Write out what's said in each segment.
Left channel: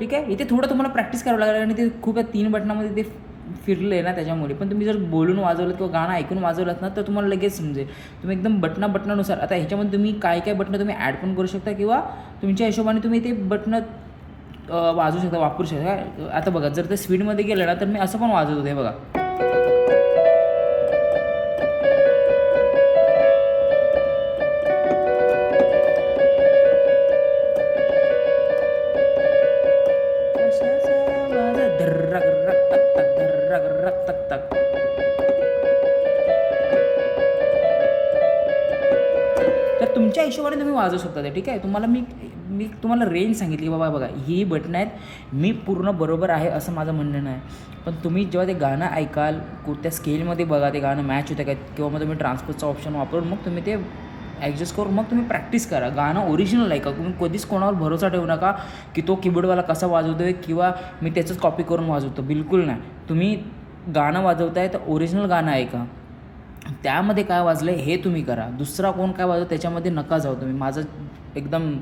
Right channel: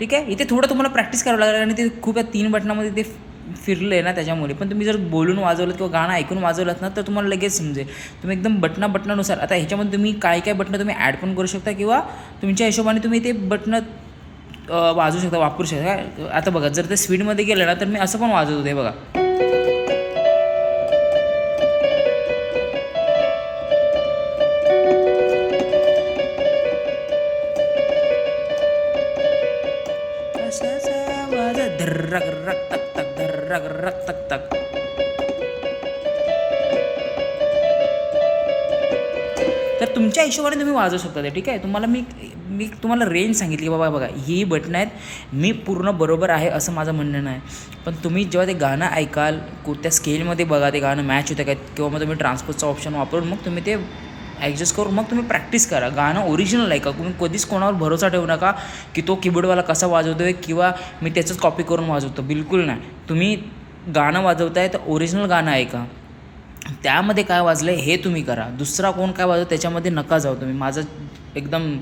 ठीक आहे. इथे थोडं तुम्हाला प्रॅक्टिस करावं लागेल आणि ते खूप या 3 बटनामध्ये ते फिरलं आहे ना त्याच्यामुळे. पण तुम्ही जर बोलून वाजवलं किंवा गाणं ऐकून वाजवलं ना तर तुम्हाला लगेच समजेल. तुम्ही एकदम बटनानुसार आता ह्याच्यामध्ये तुम्ही काय बटणं तुम्ही ॲड पण करू शकता किंवा तुमच्या हिशोबाने तुम्ही ते बटणं वाजवू शकता, वापरू शकता. आता बघा जर ते स्पीडमध्ये गेलं ना तर मी असं पण वाजवत होते बघा. धर्रक रक तक तक धर्रक रक तक तक. तर तुमच्या हिशोबाने तुम्ही वाजवू शकता ते. ठीक आहे. तुम्हाला मी तुम्हाला रेंज सांगितली की बाबा बघा ही बटणं आहेत, मी पूर्ण बरोबर आहे असं माझं म्हणणं नाही. पण तुम्ही जेव्हा ते गाणं ऐकाल त्या स्केलमध्ये बघा ते गाणं मॅच होतं काय किंवा मग तुम्ही ट्रान्सपोजचा ऑप्शन वापरून मग तुम्ही ते ॲडजस्ट करून मग तुम्ही प्रॅक्टिस करा. गाणं ओरिजिनल ऐका. तुम्ही कधीच कोणावर भरोसा ठेवू नका की तो कीबोर्डवाला कसा वाजवतो आहे किंवा मी त्याचंच कॉपी करून वाजवतो. बिलकुल नाही. तुम्ही गाणं वाजवताय तर ओरिजिनल गाणं ऐका. त्यामध्ये काय वाजलं हे तुम्ही करा. दुसरा कोण काय वाजवतो त्याच्यामध्ये नका जाऊ तुम्ही. माझं एकदम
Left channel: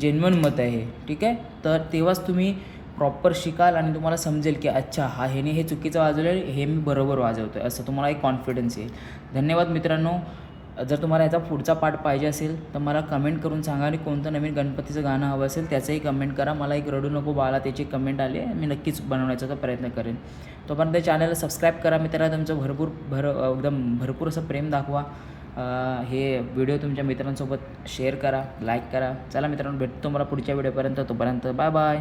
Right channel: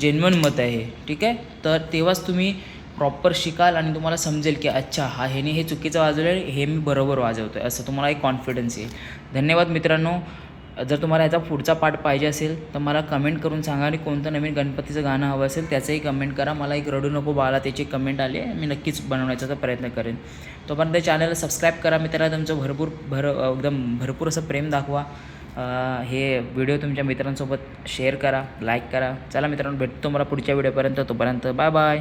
जेन्युइन मत आहे हे. ठीक आहे. तर तेव्हाच तुम्ही प्रॉपर शिकाल आणि तुम्हाला समजेल की अच्छा ह्याने हे चुकीचं वाजवलं आहे, हे मी बरोबर वाजवतो आहे असं तुम्हाला एक कॉन्फिडन्स येईल. धन्यवाद मित्रांनो. जर तुम्हाला याचा पुढचा पार्ट पाहिजे असेल तर मला कमेंट करून सांगा आणि कोणतं नवीन गणपतीचं गाणं हवं असेल त्याचंही कमेंट करा. मला एक रडू नको बाळा त्याची कमेंट आली आहे, मी नक्कीच बनवण्याचा प्रयत्न करेन. तोपर्यंत चॅनलला सबस्क्राईब करा मित्रांनो. तुमचं एकदम भरपूर असं प्रेम दाखवा. हे व्हिडिओ तुमच्या मित्रांसोबत शेअर करा, लाईक करा. चला मित्रांनो भेटतो मला पुढच्या व्हिडिओपर्यंत. तोपर्यंत बाय बाय.